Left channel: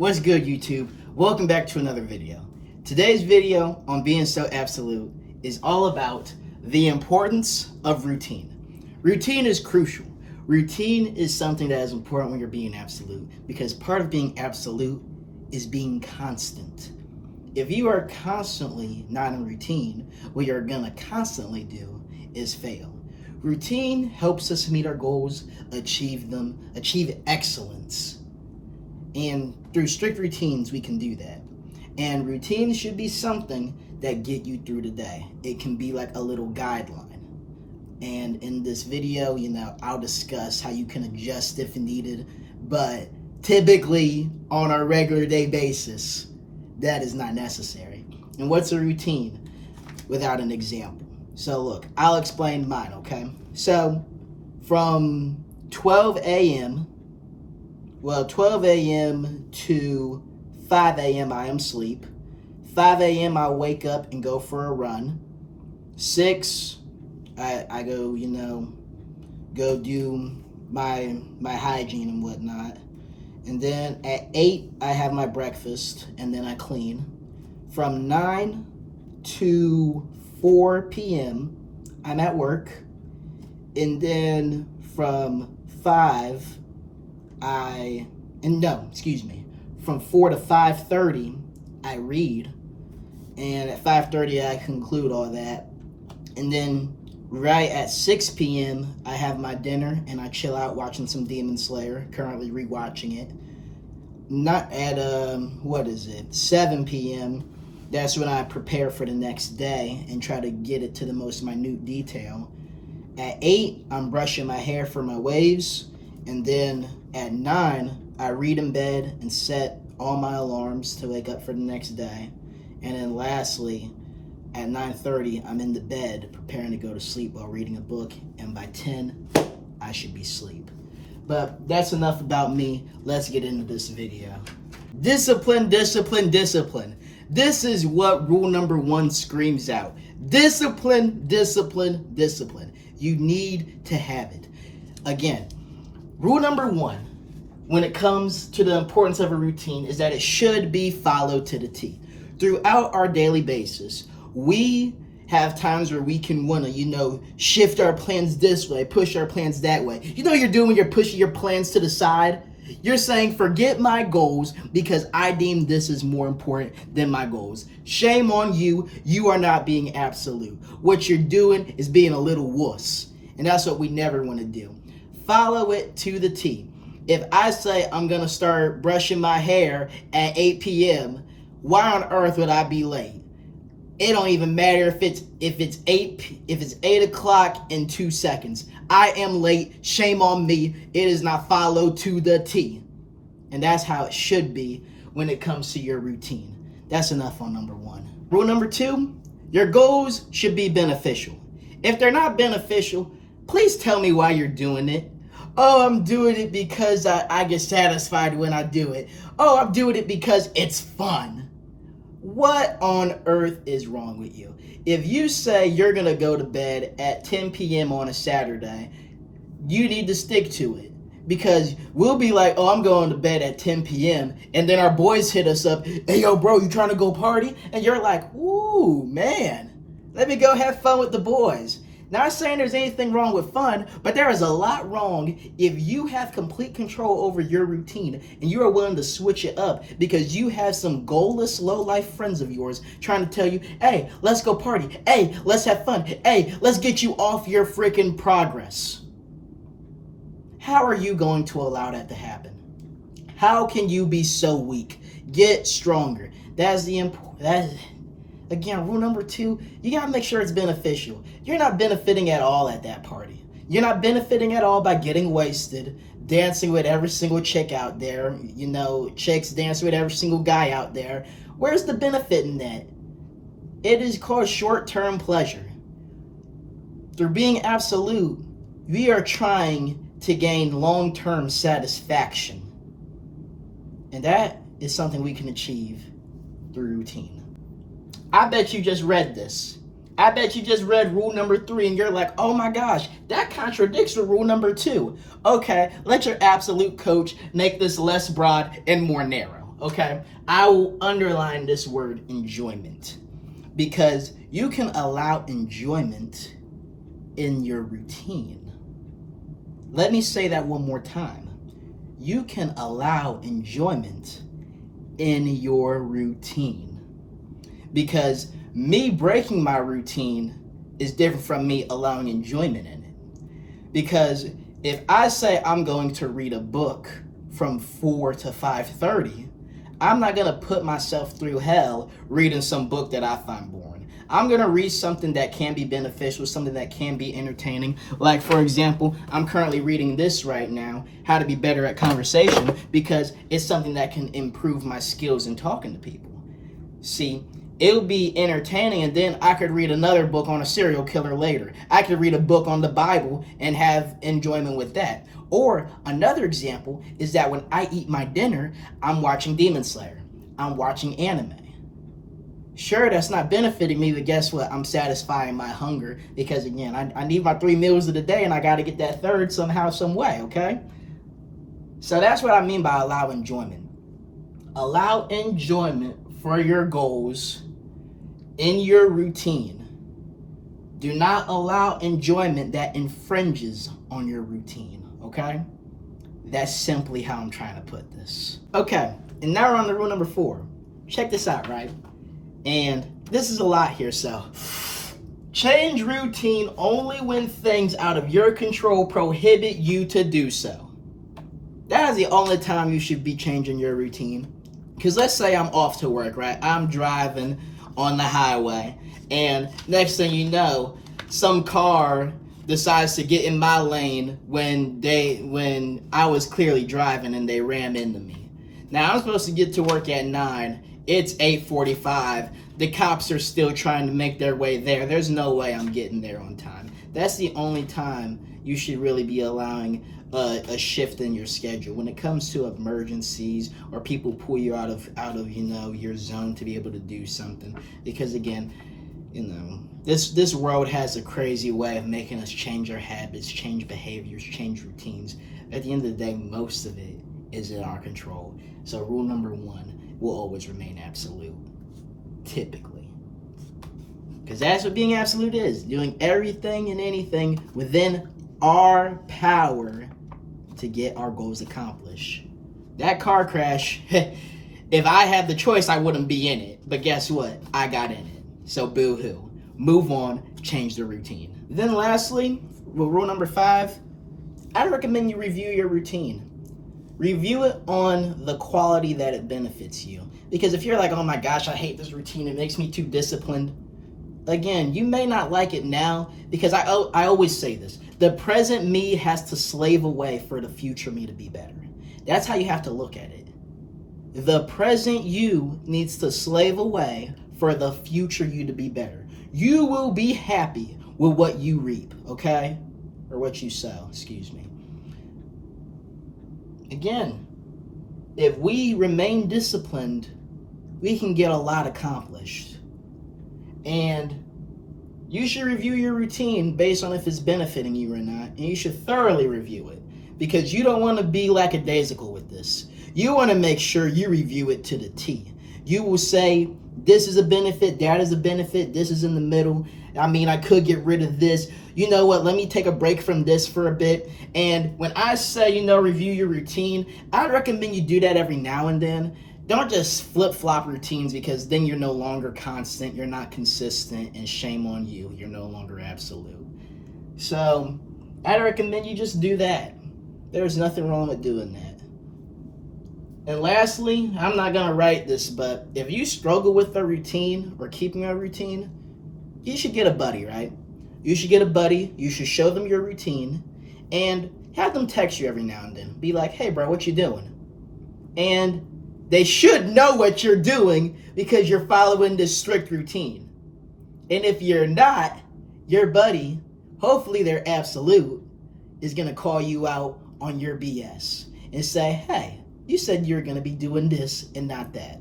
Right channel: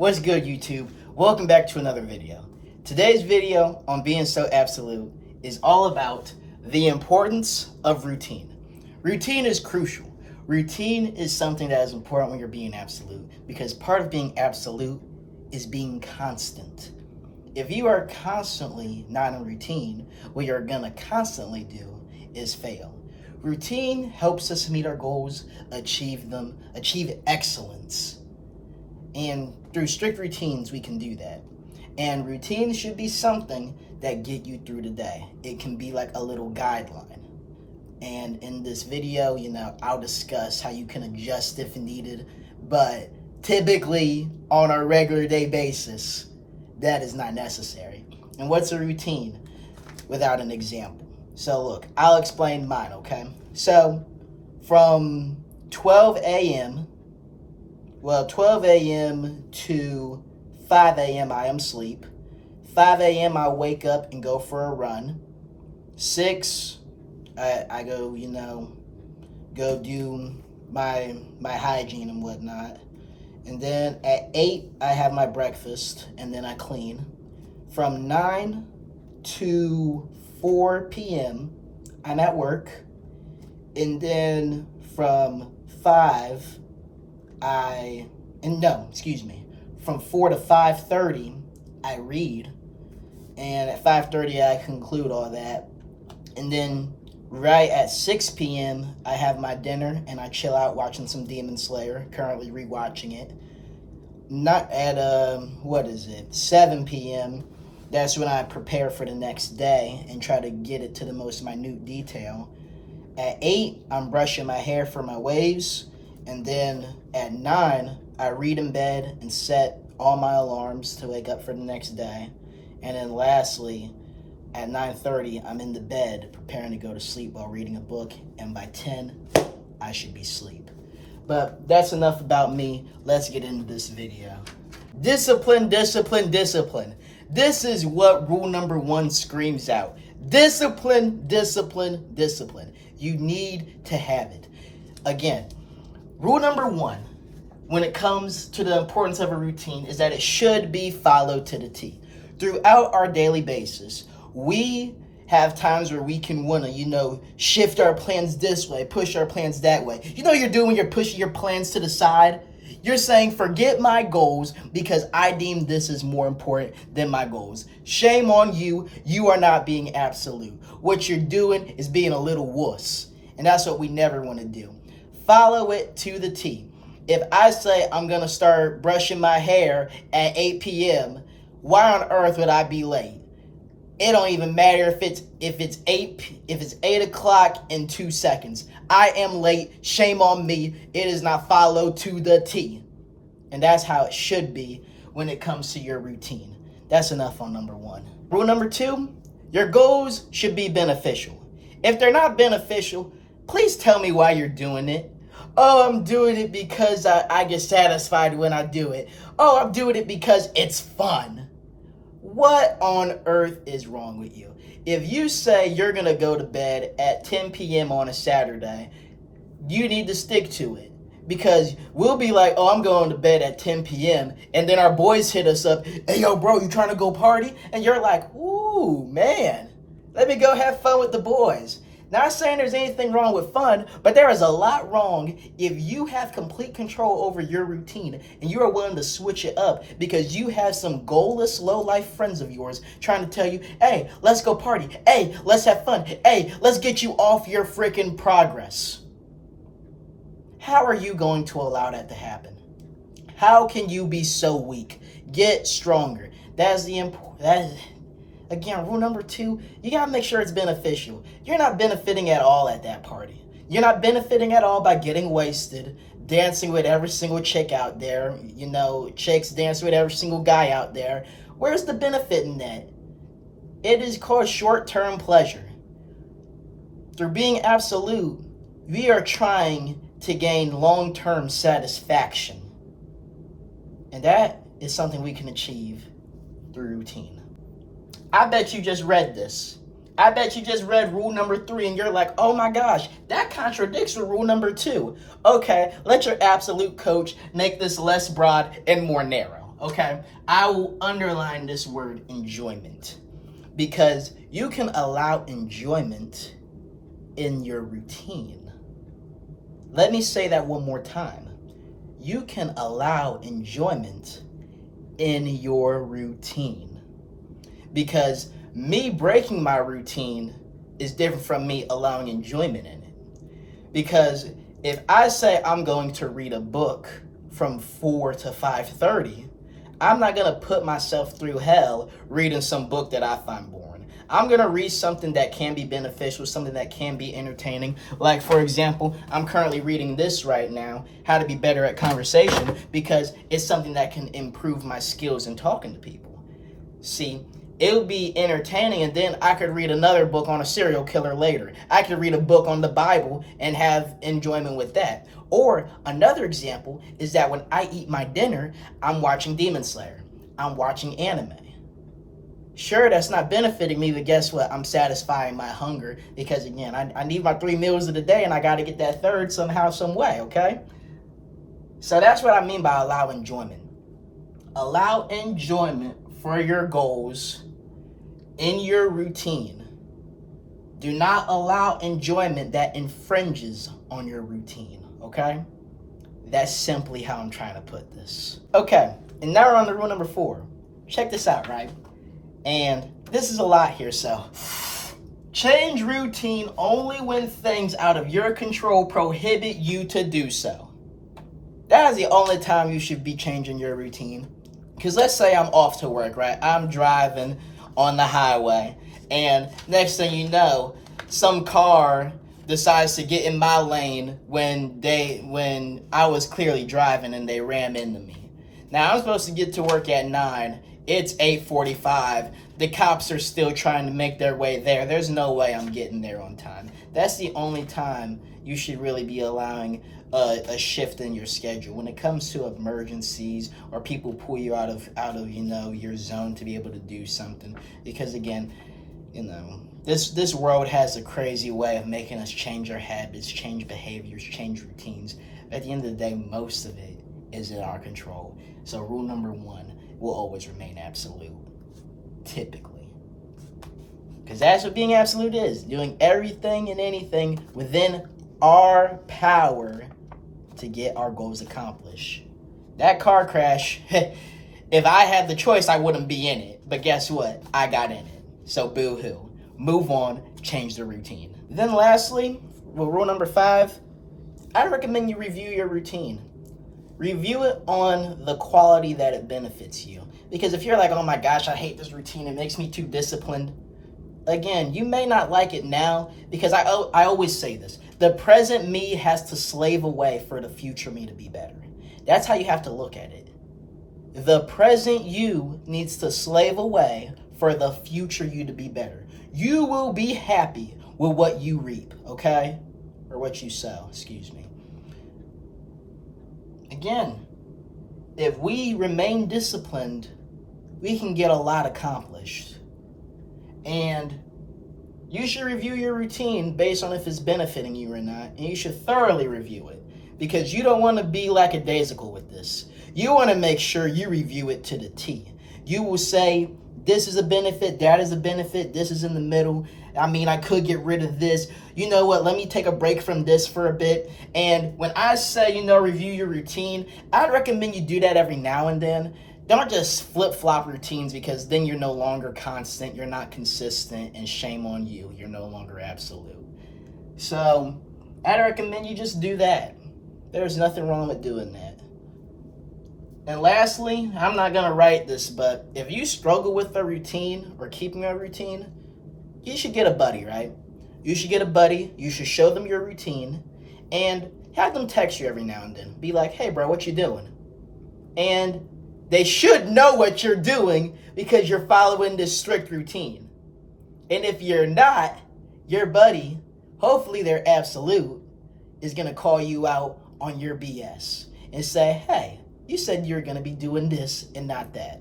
What's good, YouTube? Welcome back to another video. Today's video on being so absolute is all about the importance of routine. Routine is crucial. Routine is something that is important when you're being absolute, because part of being absolute is being constant. If you are constantly not in routine, what you're gonna constantly do is fail. Routine helps us meet our goals, achieve them, achieve excellence. And through strict routines, we can do that. And routines should be something that get you through the day. It can be like a little guideline. And in this video, I'll discuss how you can adjust if needed. But typically, on a regular day basis, that is not necessary. And what's a routine without an example? So look, I'll explain mine, okay? So from 12 a.m. to 5 a.m. I am asleep. 5 a.m. I wake up and go for a run. 6, I go, go do my hygiene and whatnot. And then at 8, I have my breakfast and then I clean. From 9 to 4 p.m., I'm at work. And then from 4 to 5:30, I read. And at 5:30, I conclude all that. And then right at 6 p.m., I have my dinner and I chill out watching some Demon Slayer, currently rewatching it. Not at, 7 p.m., that's when I prepare for the next day and try to get it to the most minute detail. At 8, I'm brushing my hair for my waves. And then at 9, I read in bed and set all my alarms to wake up for the next day. And then lastly, at 9:30, I'm in the bed preparing to go to sleep while reading a book. And by 10, I should be asleep. But that's enough about me. Let's get into this video. Discipline, discipline, discipline. This is what rule number 1 screams out. Discipline, discipline, discipline. You need to have it. Again, rule number 1, when it comes to the importance of a routine, is that it should be followed to the T. Throughout our daily basis, we have times where we can want to, shift our plans this way, push our plans that way. You're doing when you're pushing your plans to the side? You're saying, forget my goals because I deem this is more important than my goals. Shame on you. You are not being absolute. What you're doing is being a little wuss. And that's what we never want to do. Follow it to the T. If I say I'm going to start brushing my hair at 8 p.m., why on earth would I be late? It don't even matter if it's 8 o'clock in 2 seconds. I am late. Shame on me. It is not followed to the T. And that's how it should be when it comes to your routine. That's enough on number 1. Rule number 2, your goals should be beneficial. If they're not beneficial, please tell me why you're doing it. Oh, I'm doing it because I get satisfied when I do it. Oh, I'm doing it because it's fun. What on earth is wrong with you? If you say you're going to go to bed at 10 p.m. on a Saturday, you need to stick to it. Because we'll be like, oh, I'm going to bed at 10 p.m. And then our boys hit us up. Hey, yo, bro, you trying to go party? And you're like, ooh, man, let me go have fun with the boys. Not saying there's anything wrong with fun, but there is a lot wrong if you have complete control over your routine and you are willing to switch it up because you have some goalless, low-life friends of yours trying to tell you, hey, let's go party. Hey, let's have fun. Hey, let's get you off your freaking progress. How are you going to allow that to happen? How can you be so weak? Get stronger. That's the important. Again, rule number 2, you got to make sure it's beneficial. You're not benefiting at all at that party. You're not benefiting at all by getting wasted, dancing with every single chick out there, chicks dancing with every single guy out there. Where's the benefit in that? It is called short-term pleasure. Through being absolute, we are trying to gain long-term satisfaction. And that is something we can achieve through routine. I bet you just read this. I bet you just read rule number 3 and you're like, oh my gosh, that contradicts with rule number 2. Okay, let your absolute coach make this less broad and more narrow. okay? I will underline this word enjoyment because you can allow enjoyment in your routine. Let me say that one more time. You can allow enjoyment in your routine because me breaking my routine is different from me allowing enjoyment in it. Because if I say I'm going to read a book from 4 to 5:30, I'm not going to put myself through hell reading some book that I find boring. I'm going to read something that can be beneficial, something that can be entertaining. Like, for example, I'm currently reading this right now, How to Be Better at Conversation, because it's something that can improve my skills in talking to people. See, it'll be entertaining, and then I could read another book on a serial killer later. I could read a book on the Bible and have enjoyment with that. Or another example is that when I eat my dinner, I'm watching Demon Slayer. I'm watching anime. Sure, that's not benefiting me, but guess what? I'm satisfying my hunger because, again, I need my 3 meals of the day, and I got to get that third somehow, some way, okay? So that's what I mean by allow enjoyment. Allow enjoyment for your goals in your routine. Do not allow enjoyment that infringes on your routine, okay? That's simply how I'm trying to put this. Okay, and now we're on to rule number 4. Check this out, right? And this is a lot here, so change routine only when things out of your control prohibit you to do so. That is the only time you should be changing your routine. Because let's say I'm off to work, right? I'm driving on the highway, and next thing you know, some car decides to get in my lane when I was clearly driving and they rammed into me. Now I'm supposed to get to work at 9. It's 8:45. The cops are still trying to make their way there. There's no way I'm getting there on time. That's the only time you should really be allowing a shift in your schedule. When it comes to emergencies or people pull you out of your zone to be able to do something. Because again, this world has a crazy way of making us change our habits, change behaviors, change routines. At the end of the day, most of it is in our control. So rule number 1 will always remain absolute, typically. Because that's what being absolute is, doing everything and anything within our power to get our goals accomplished. That car crash, if I had the choice, I wouldn't be in it. But guess what? I got in it. So boo-hoo. Move on, change the routine. Then lastly, rule number 5, I recommend you review your routine. Review it on the quality that it benefits you. Because if you're like, oh my gosh, I hate this routine, it makes me too disciplined. Again, you may not like it now, because I always say this. The present me has to slave away for the future me to be better. That's how you have to look at it. The present you needs to slave away for the future you to be better. You will be happy with what you reap, okay? Or what you sow, excuse me. Again, if we remain disciplined, we can get a lot accomplished. And you should review your routine based on if it's benefiting you or not. And you should thoroughly review it. Because you don't want to be lackadaisical with this. You want to make sure you review it to the T. You will say, this is a benefit, that is a benefit, this is in the middle. I mean, I could get rid of this. You know what, let me take a break from this for a bit. And when I say, review your routine, I recommend you do that every now and then. Don't just flip-flop routines, because then you're no longer constant, you're not consistent, and shame on you. You're no longer absolute. So I recommend you just do that. There's nothing wrong with doing that. And lastly, I'm not going to write this, but if you struggle with a routine or keeping a routine, you should get a buddy, right? You should get a buddy. You should show them your routine and have them text you every now and then. Be like, hey, bro, what you doing? And they should know what you're doing because you're following this strict routine. And if you're not, your buddy, hopefully they're absolute, is going to call you out on your BS and say, hey, you said you're going to be doing this and not that.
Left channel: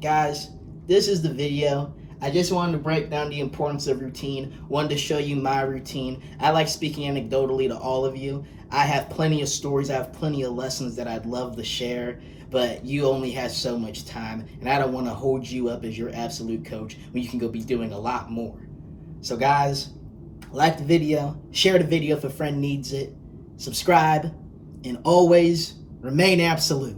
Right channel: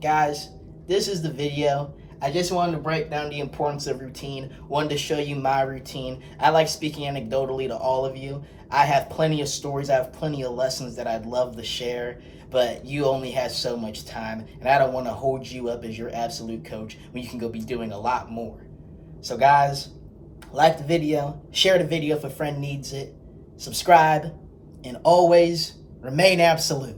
Guys, this is the video. I just wanted to break down the importance of routine. Wanted to show you my routine. I like speaking anecdotally to all of you. I have plenty of stories. I have plenty of lessons that I'd love to share. but you only have so much time, and I don't want to hold you up as your absolute coach when you can go be doing a lot more. So guys, like the video, share the video if a friend needs it, subscribe, and always remain absolute.